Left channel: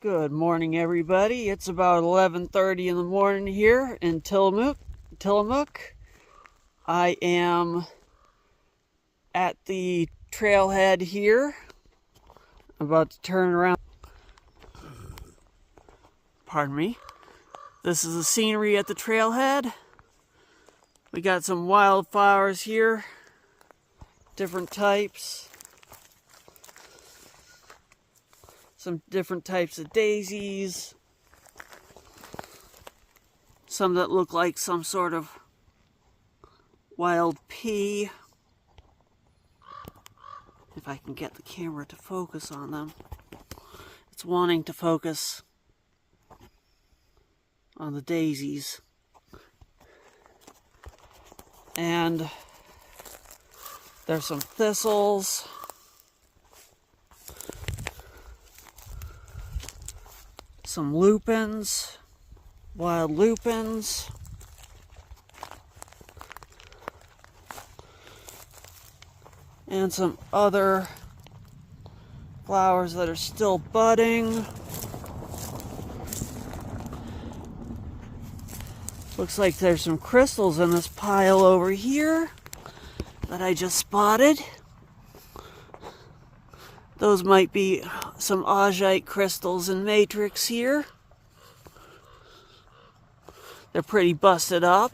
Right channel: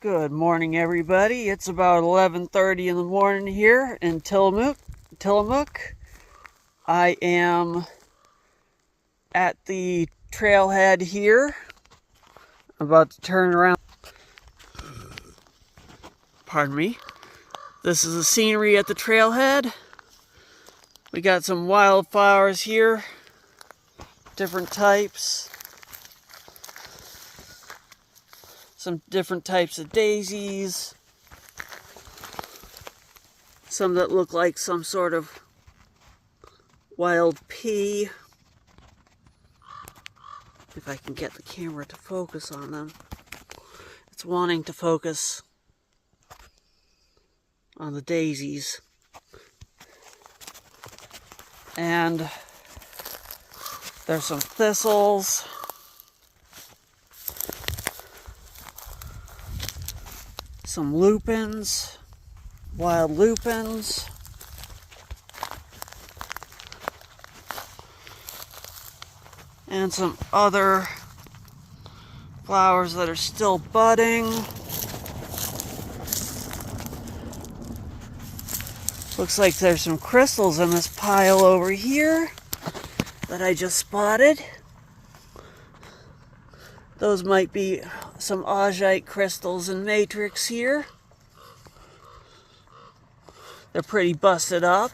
Good morning, everybody. It's about 11:30 in the morning here in Tillamook. I am at the trailhead here. I'm about to turn around. Pardon me. This is the scenery at the trailhead. We got some wildflowers here, different types. Some different types of daisies. Some that look like some sort of wild pea. If I can get the camera to focus on them. It's wanting to focus on the daisies. And there's some thistles. Some lupins, wild lupins. And some other flowers that are still budding. Looks like there's some crystals in this pile over here that I just spotted. Those might be some Augite crystals in matrix here. They're pretty busted up.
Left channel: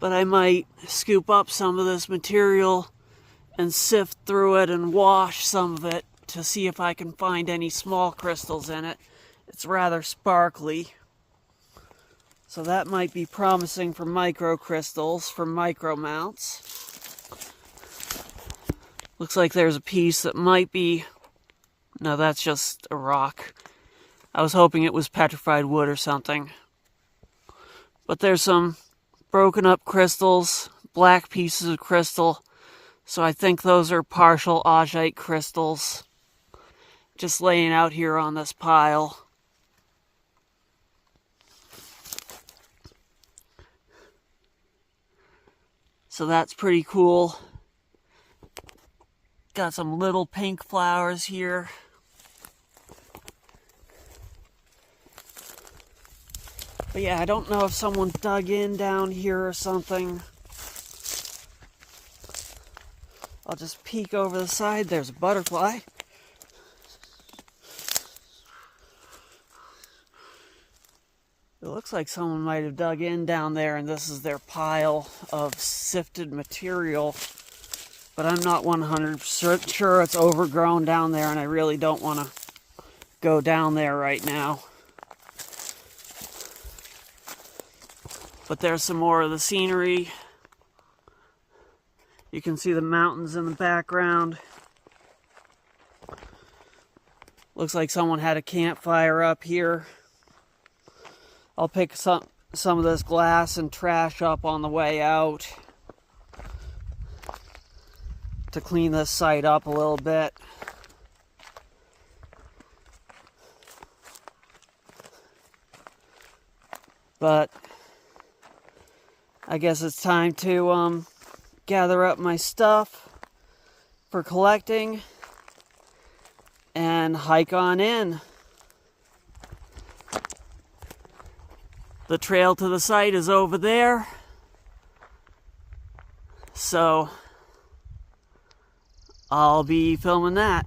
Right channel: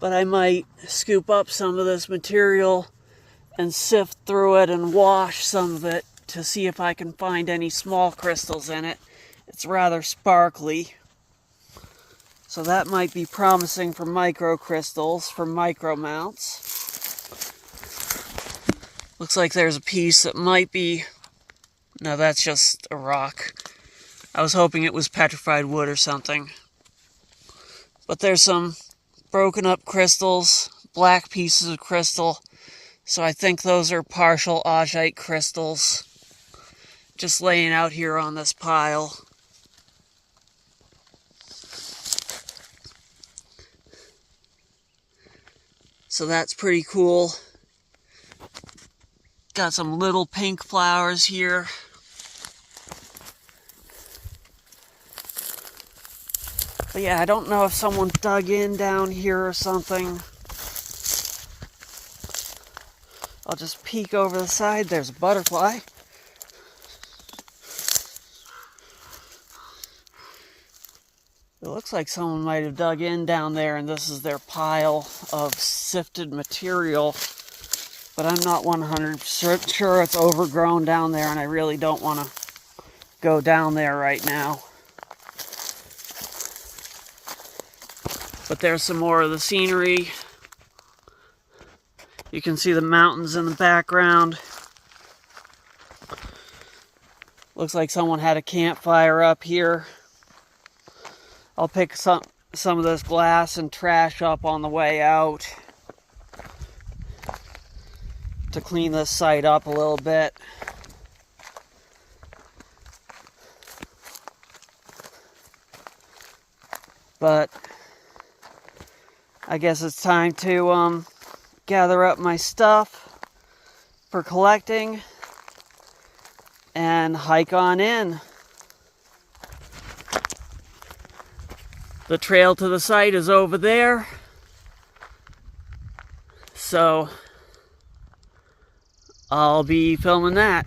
But I might scoop up some of this material and sift through it and wash some of it to see if I can find any small crystals in it. It's rather sparkly. So that might be promising for microcrystals, for micro mounts. Looks like there's a piece that might be... No, that's just a rock. I was hoping it was petrified wood or something. But there's some broken up crystals, black pieces of crystal. So I think those are partial Augite crystals. Just laying out here on this pile. So that's pretty cool. Got some little pink flowers here. But yeah, I don't know if someone dug in down here or something. I'll just peek over the side. There's a butterfly. It looks like someone might have dug in down there and this is their pile of sifted material. But I'm not 100% sure it's overgrown down there, and I really don't want to go down there right now. But there's some more of the scenery. You can see the mountains in the background. Looks like someone had a campfire up here. I'll pick some of this glass and trash up on the way out to clean this site up a little bit. But I guess it's time to gather up my stuff for collecting and hike on in. The trail to the site is over there. So I'll be filming that.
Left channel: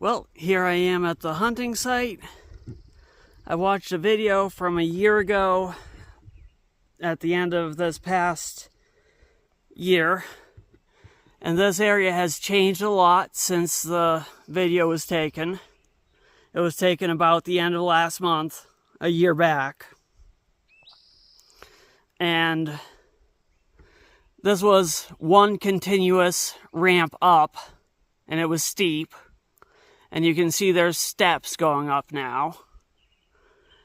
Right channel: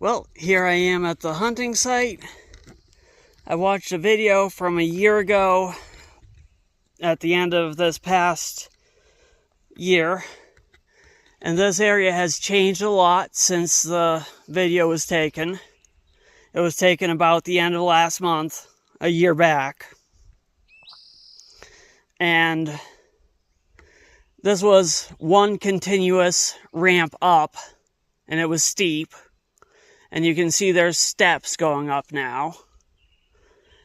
Well, here I am at the hunting site. I watched a video from a year ago at the end of this past year, and this area has changed a lot since the video was taken. It was taken about the end of last month, a year back. And this was one continuous ramp up, and it was steep. And you can see there's steps going up now.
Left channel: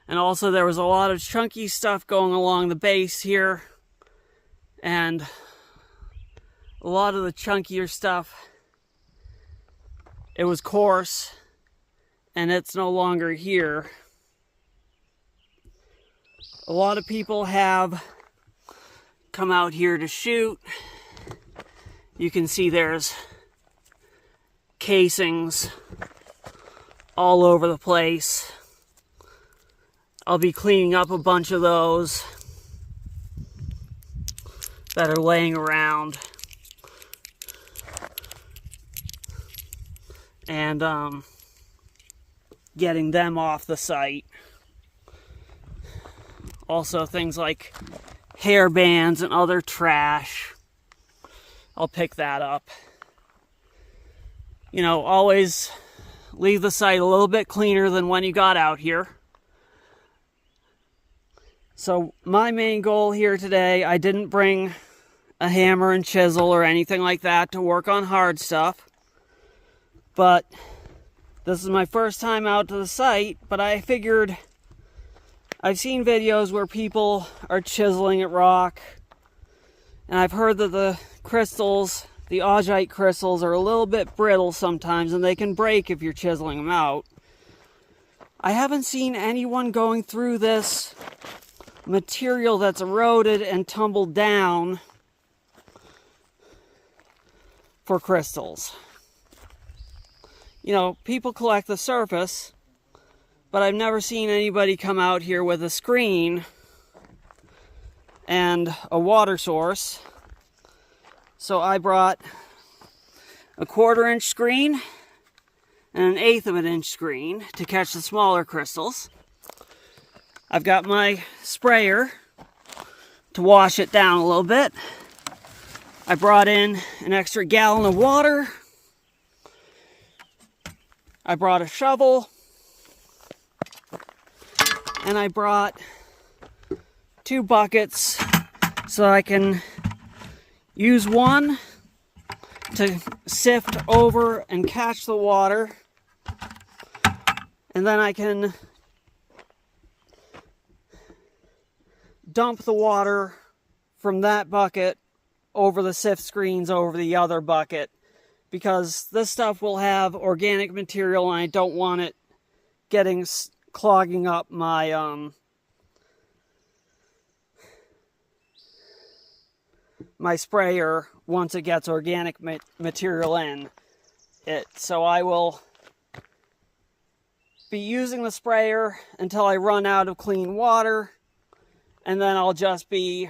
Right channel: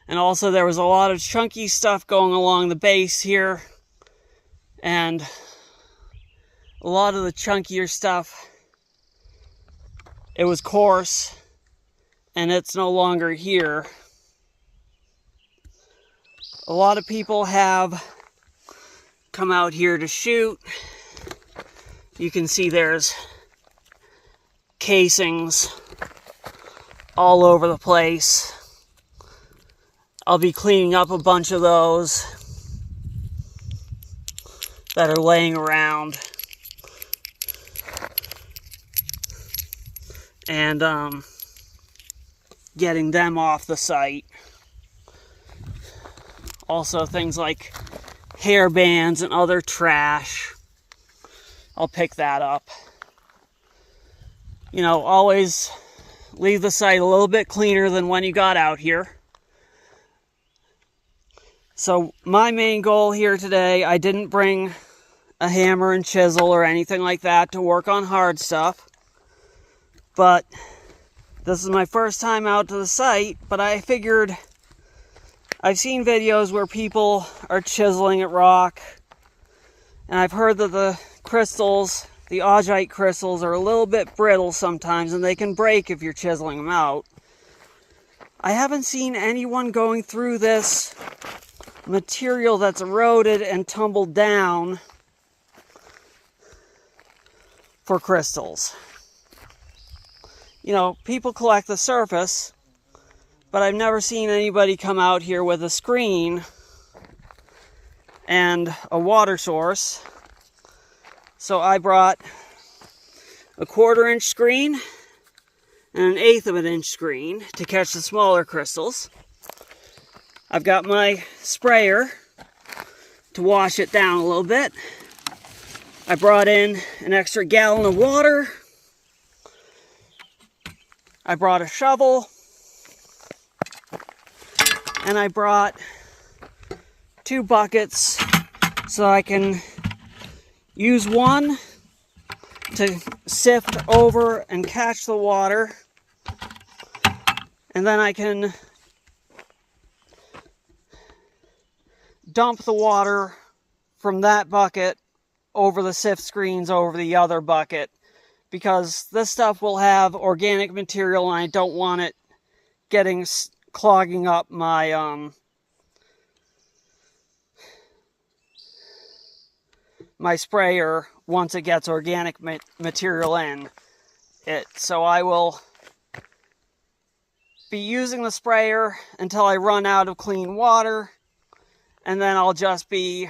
And also there was a lot of chunky stuff going along the base here. And a lot of the chunkier stuff, it was coarse, and it's no longer here. A lot of people have come out here to shoot. You can see there's casings all over the place. I'll be cleaning up a bunch of those that are laying around. And getting them off the site. Also things like hair bands and other trash. I'll pick that up. You know, always leave the site a little bit cleaner than when you got out here. So my main goal here today, I didn't bring a hammer and chisel or anything like that to work on hard stuff. But this is my first time out to the site, but I figured I've seen videos where people are chiseling at rock, and I've heard that the crystals, the Augite crystals, are a little bit brittle sometimes, and they can break if you're chiseling them out. I haven't seen anyone going through this material that's eroded and tumbled down for crystals. You know, people collect the surface, but I've never seen anybody come out here with a screen and a water source. So I brought a 1/4 inch screen and an 1/8 of an inch screen to catch the smaller crystals. I've got my sprayer to wash it down a little bit. I brought in an extra gallon of water. I brought a shovel. And I brought 2 buckets so I can use one to sift over and catch the water. And then I can dump the water from that bucket over the sift screens over the other bucket, because this stuff will have organic material and I don't want it clogging up my my sprayer once it gets organic material in it. So I will be using the sprayer until I run out of clean water, and then I'll just be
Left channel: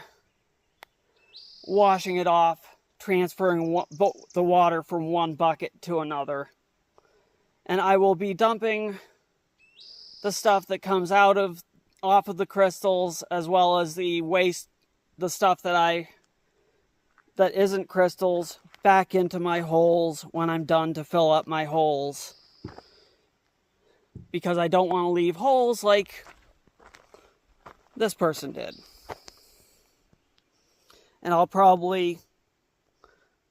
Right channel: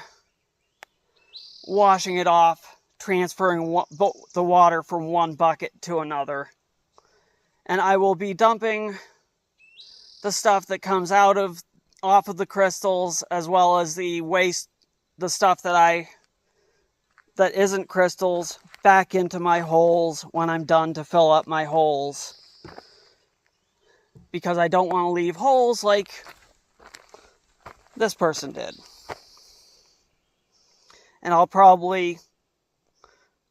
washing it off, transferring the water from one bucket to another. And I will be dumping the stuff that comes off of the crystals, as well as the waste, the stuff that isn't crystals, back into my holes when I'm done to fill up my holes. Because I don't want to leave holes like this person did. And I'll probably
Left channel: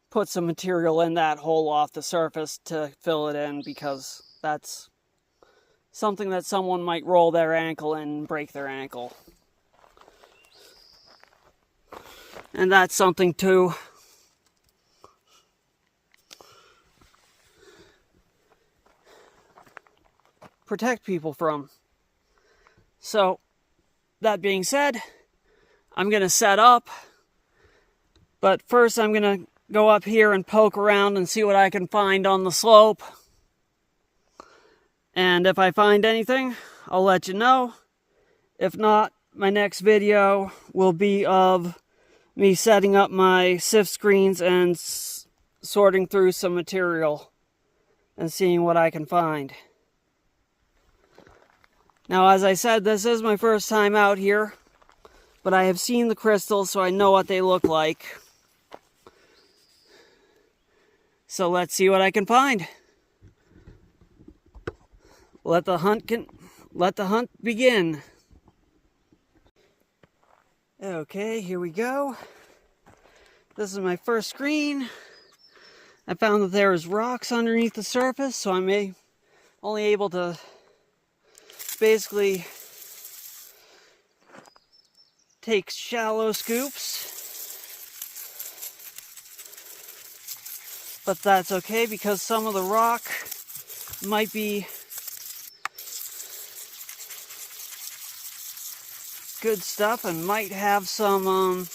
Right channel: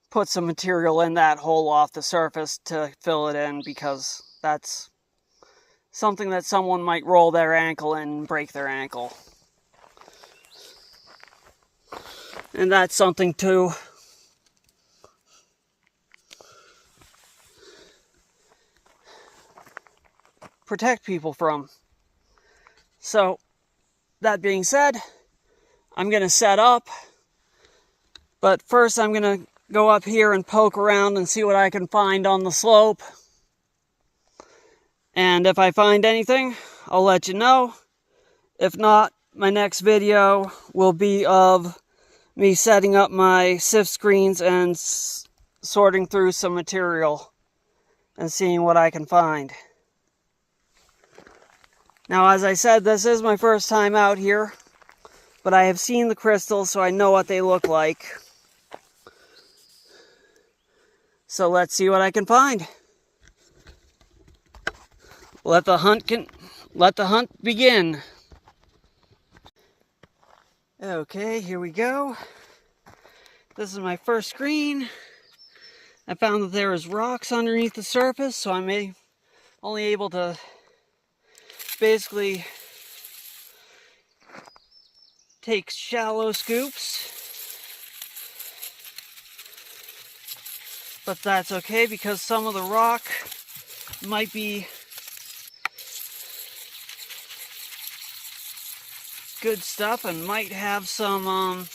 put some material in that hole off the surface to fill it in, because that's something that someone might roll their ankle in and break their ankle. And that's something to protect people from. So, that being said, I'm going to set up. But first I'm going to go up here and poke around and see what I can find on the slope. And if I find anything, I'll let you know. If not, my next video will be of me setting up my sift screens and sorting through some material and seeing what I can find. Now, as I said, this is my first time out here, but I have seen the crystals, so I know what they look like. So let's see what I can find. Let the hunt begin. Okay, here we go. This is my first screen. I found that there is rocks underneath the surface, so I'm only able to basically take shallow scoops. But that's okay because some of the rock might be good stuff and might have some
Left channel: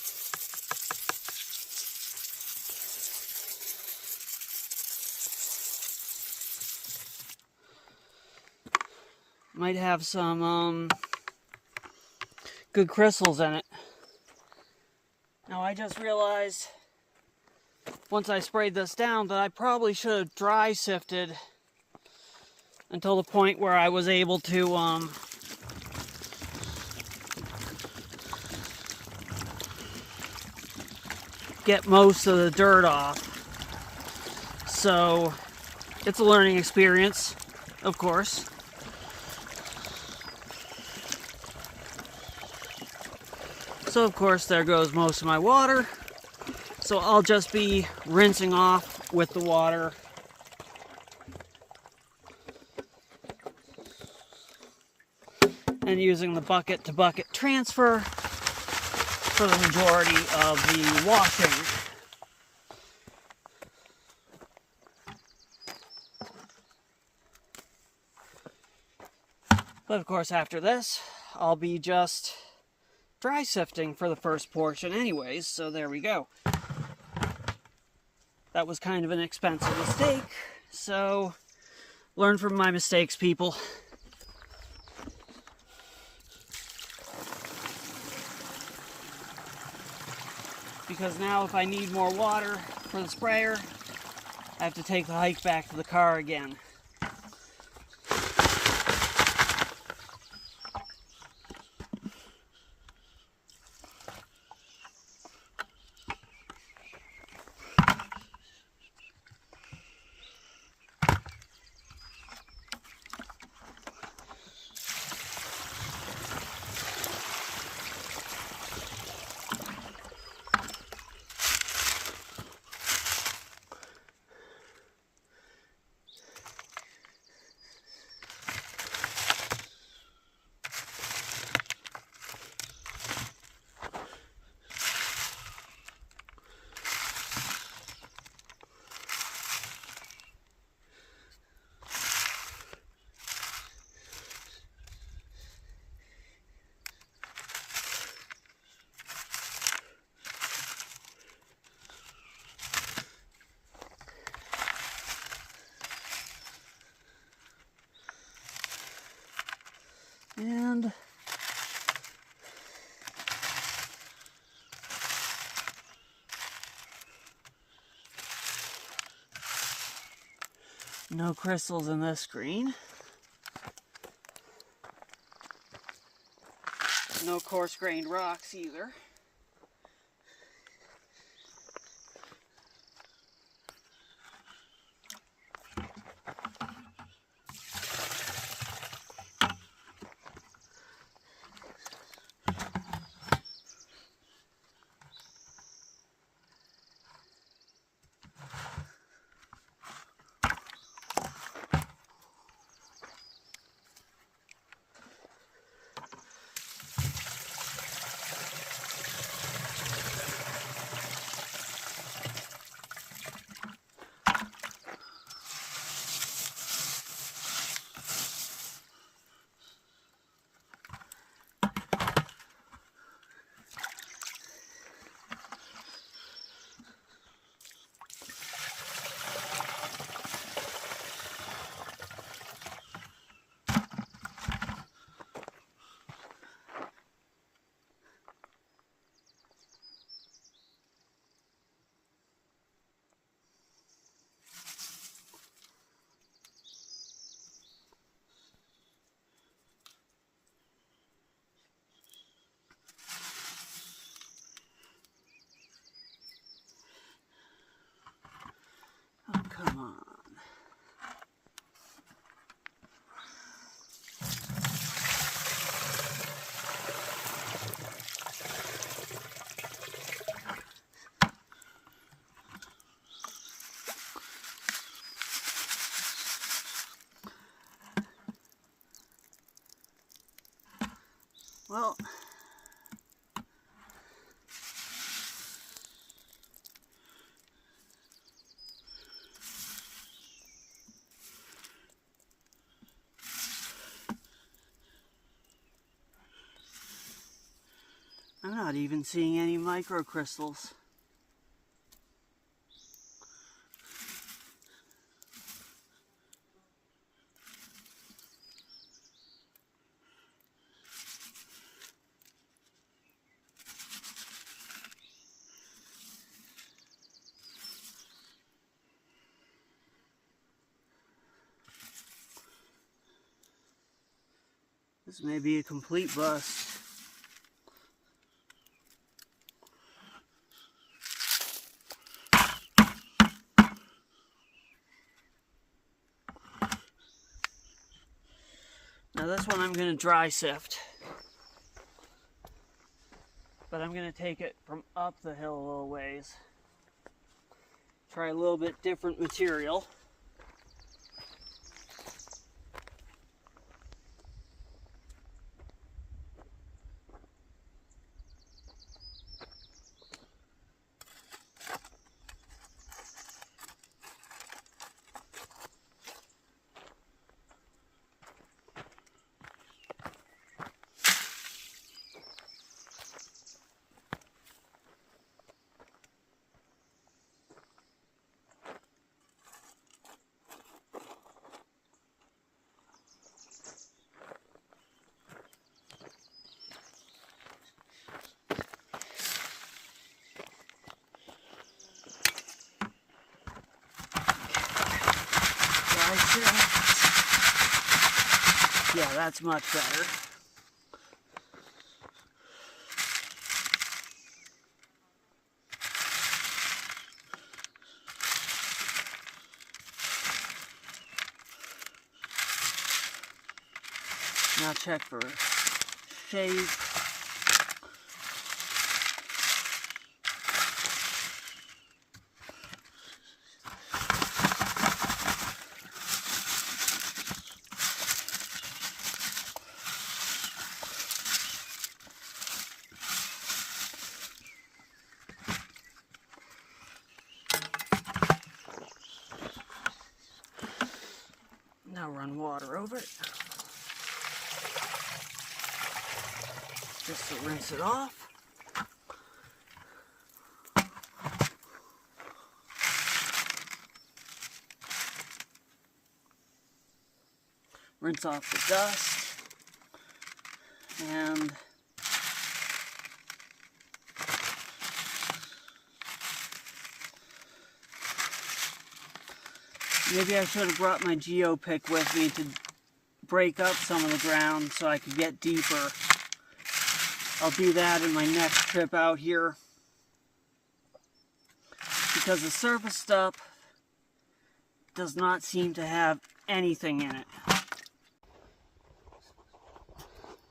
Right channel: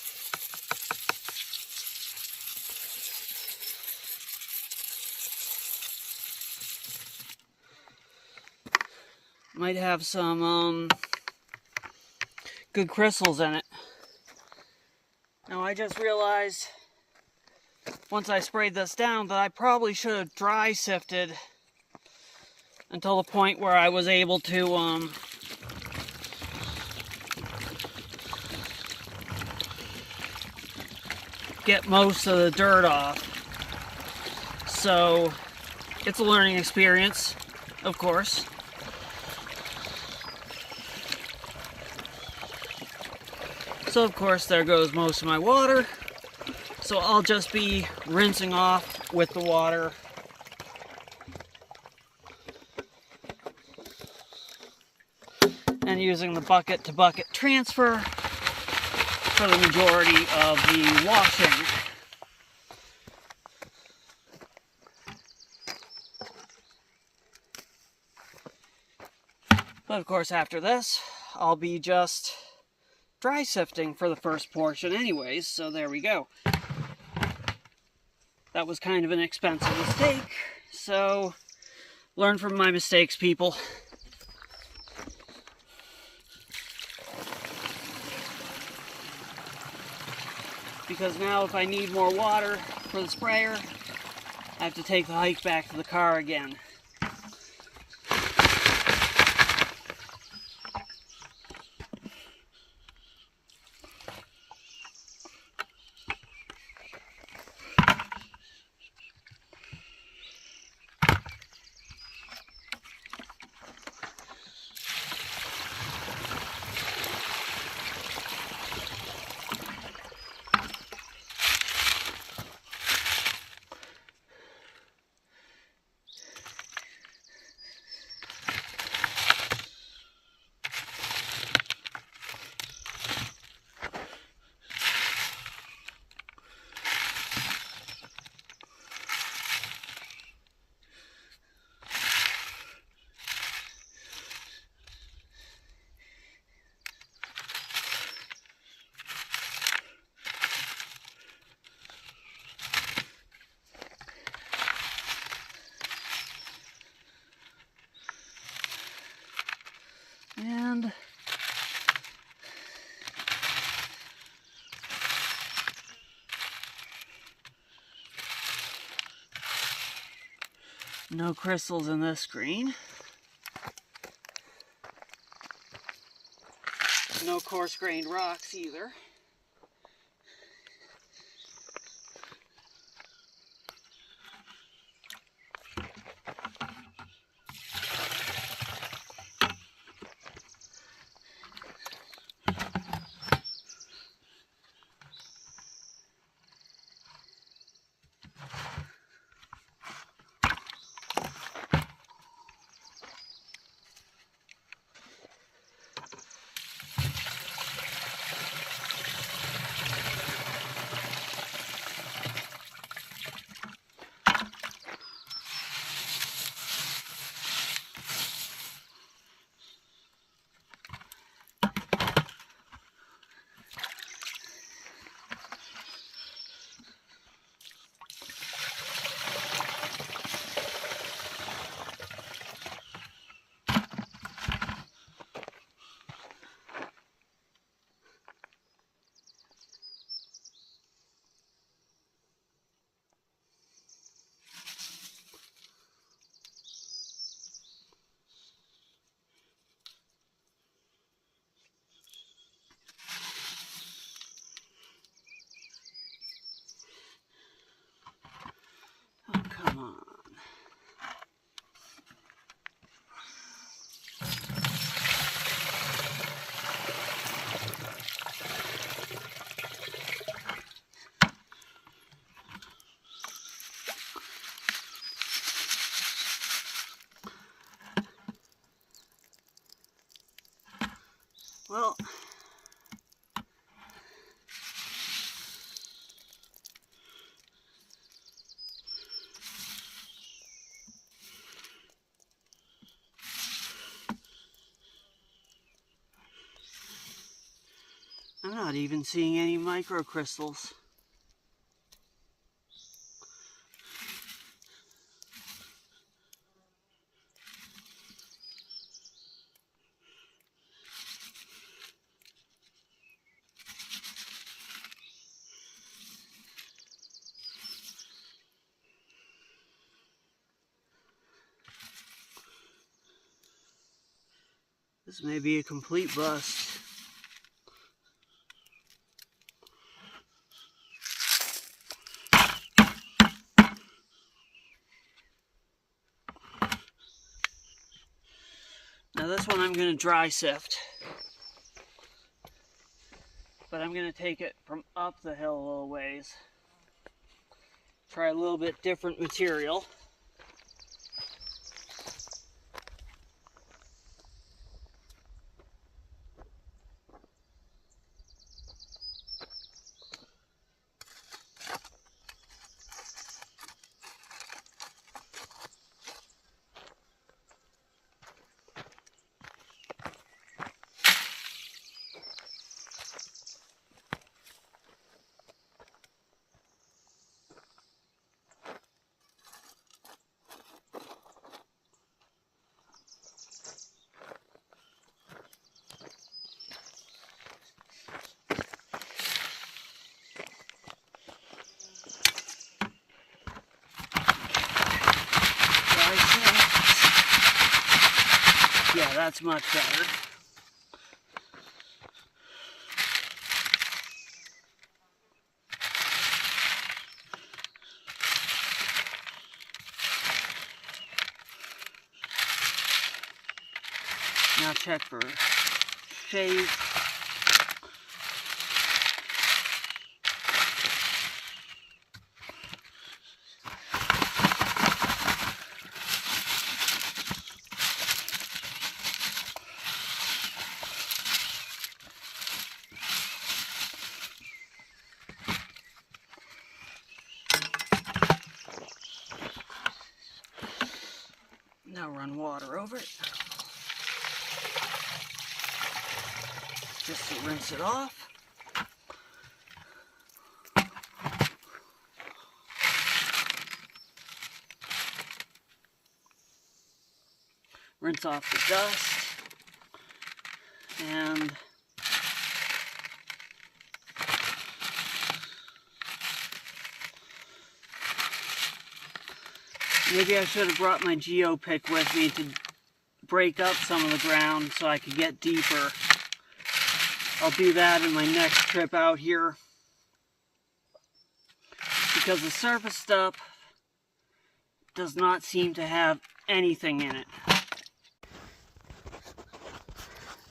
good crystals in it. Now I just realized once I sprayed this down that I probably should have dry sifted until the point where I was able to get most of the dirt off. So it's a learning experience, of course. So of course there goes most of my water. So I'll just be rinsing off with the water. And using the bucket to bucket transfer for the majority of the washing. But of course after this, I'll be just dry sifting for the first portion anyways, so there we go. That was kind of an expensive mistake, so learn from my mistakes, people. Because now if I need more water for the sprayer, I have to take the hike back to the car again. And no crystals in this screen. No coarse-grained rocks either. Well, I'm not even seeing any microcrystals. This may be a complete bust. Now this one I'm going to dry sift. But I'm going to take it from up the hill a little ways. Try a little bit different material. Yeah, that's much better. Now check for shade. Now run water over it. Just to rinse it off. Rinse off the dust. And maybe I should have brought my geo-pick with me to break up some of the ground so I could get deeper. I'll do that in my next trip out here. Because the surface stuff does not seem to have anything in it.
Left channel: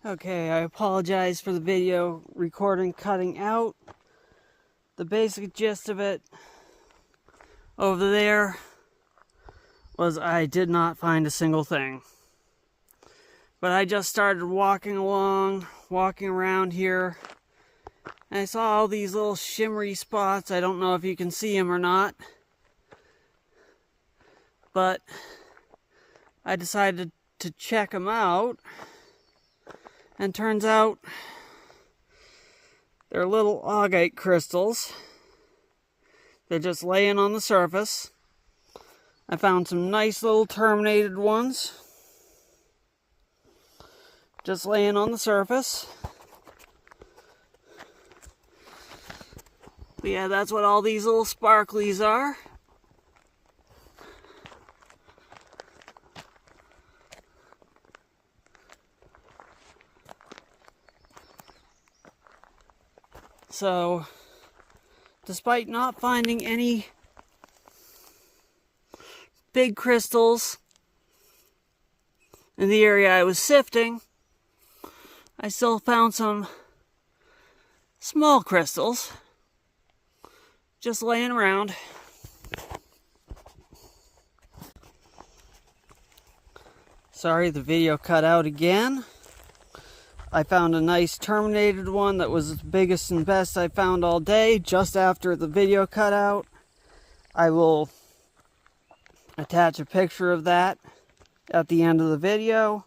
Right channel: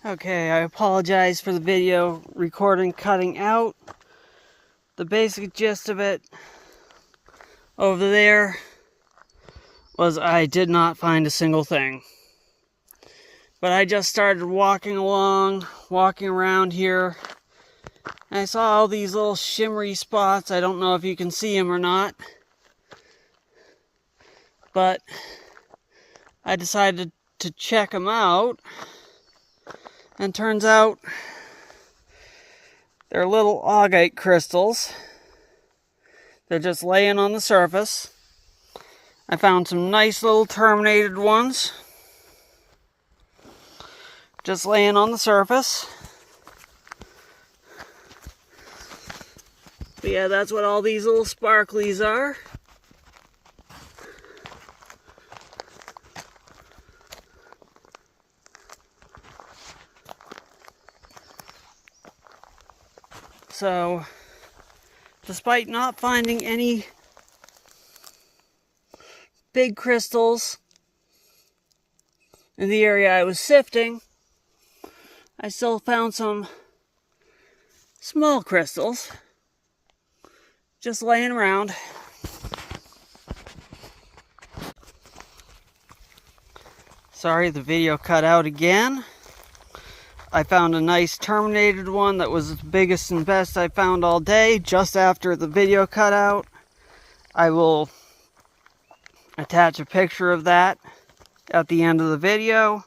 Okay, I apologize for the video recording cutting out. The basic gist of it over there was I did not find a single thing. But I just started walking around here, and I saw all these little shimmery spots. I don't know if you can see them or not, but I decided to check them out, and turns out they're little augite crystals. They're just laying on the surface. I found some nice little terminated ones just laying on the surface. But yeah, that's what all these little sparklies are. So, despite not finding any big crystals in the area I was sifting, I still found some small crystals just laying around. Sorry, the video cut out again. I found a nice terminated one that was the biggest and best I found all day. Just after the video cut out, I will attach a picture of that at the end of the video.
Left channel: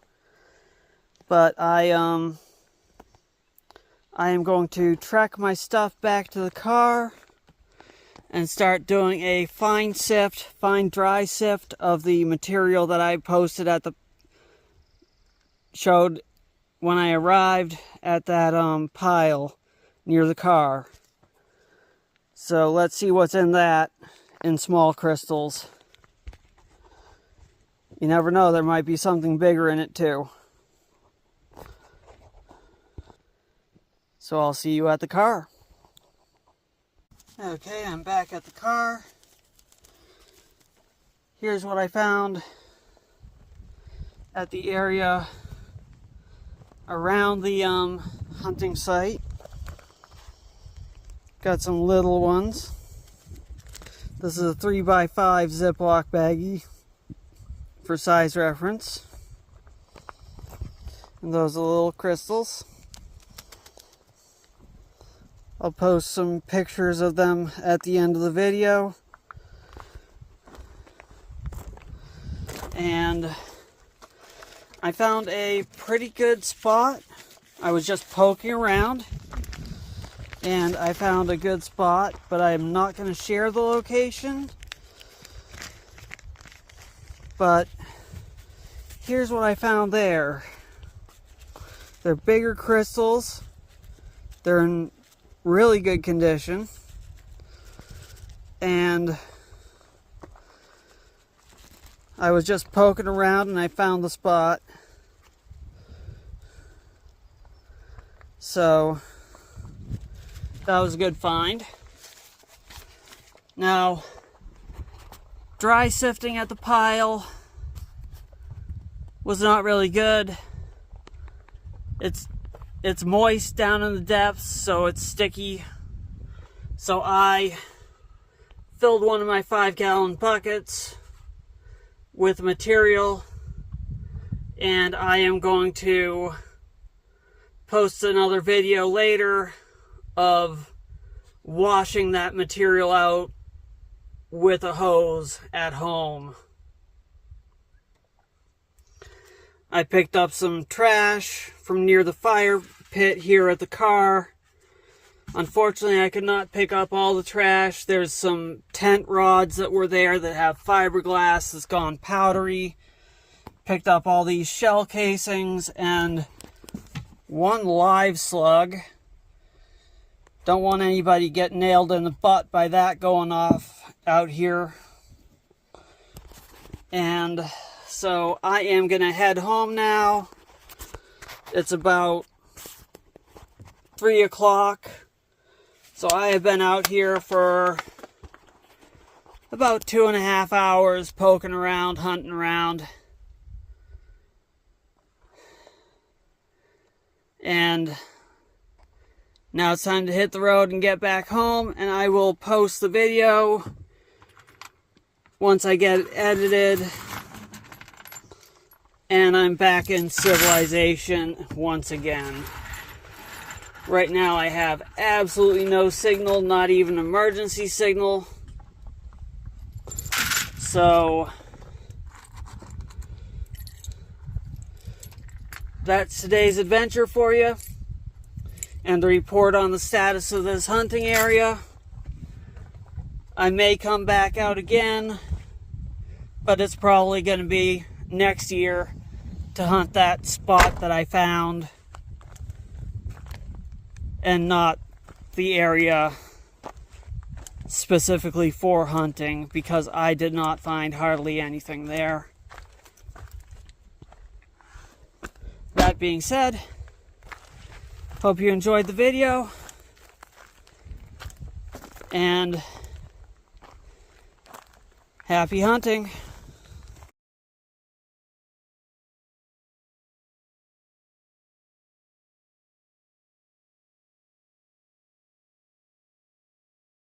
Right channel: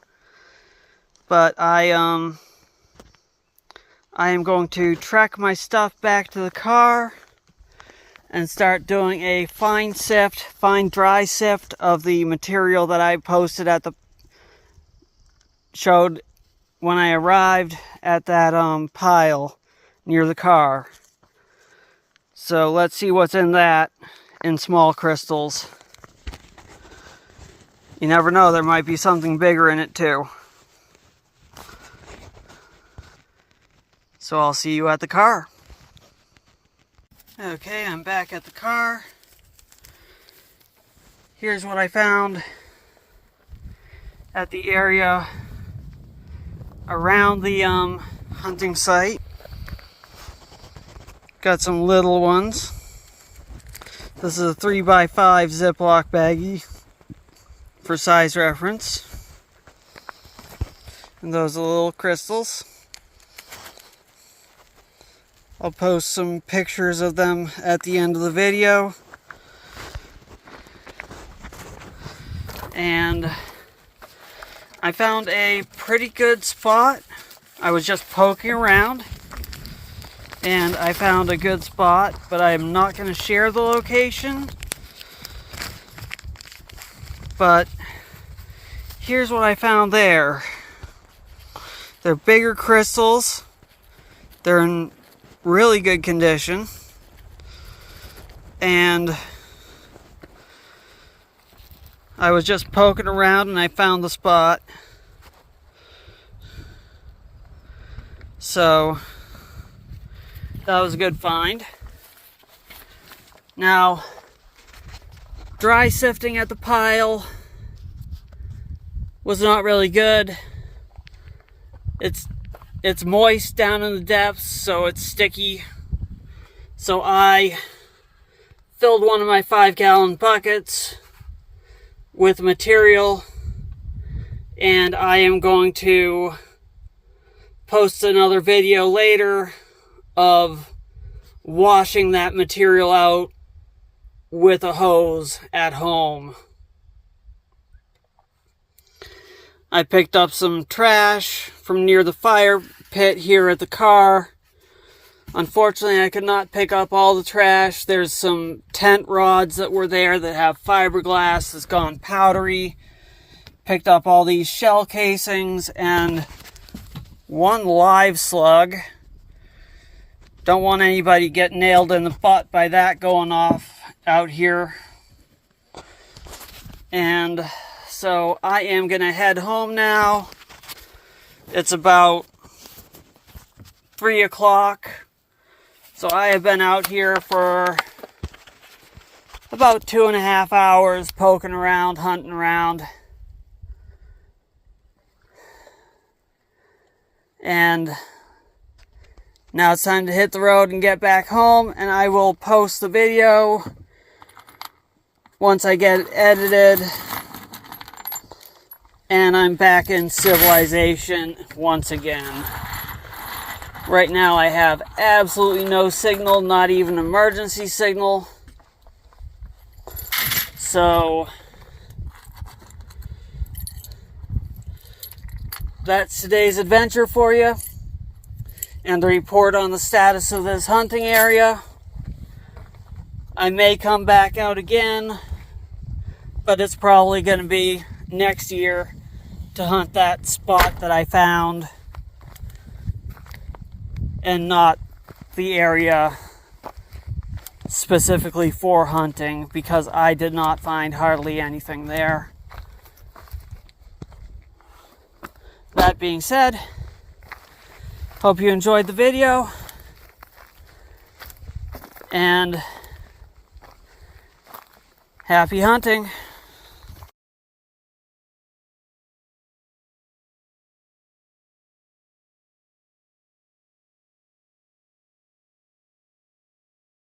But I am going to trek my stuff back to the car and start doing a fine dry sift of the material that I posted showed when I arrived at that pile near the car. So let's see what's in that in small crystals. You never know, there might be something bigger in it too. So I'll see you at the car. Okay, I'm back at the car. Here's what I found at the area around the hunting site. Got some little ones. This is a 3x5 Ziploc baggie for size reference. And those are little crystals. I'll post some pictures of them at the end of the video. And I found a pretty good spot. I was just poking around and I found a good spot, but I'm not going to share the location. But here's what I found there. They're bigger crystals. They're in really good condition. And I was just poking around and I found the spot. So that was a good find. Now, dry sifting at the pile was not really good. It's moist down in the depths, so it's sticky. So I filled one of my 5-gallon buckets with material, and I am going to post another video later of washing that material out with a hose at home. I picked up some trash from near the fire pit here at the car. Unfortunately, I could not pick up all the trash. There's some tent rods that were there that have fiberglass that's gone powdery. Picked up all these shell casings and one live slug. Don't want anybody to get nailed in the butt by that going off out here. And so I am going to head home now. It's about 3 o'clock. So I have been out here for about 2.5 hours poking around, hunting around. And now it's time to hit the road and get back home, and I will post the video once I get it edited and I'm back in civilization once again. Right now I have absolutely no signal, not even emergency signal. So that's today's adventure for you, and the report on the status of this hunting area. I may come back out again, but it's probably going to be next year to hunt that spot that I found, and not the area specifically for hunting, because I did not find hardly anything there. That being said, hope you enjoyed the video, and happy hunting.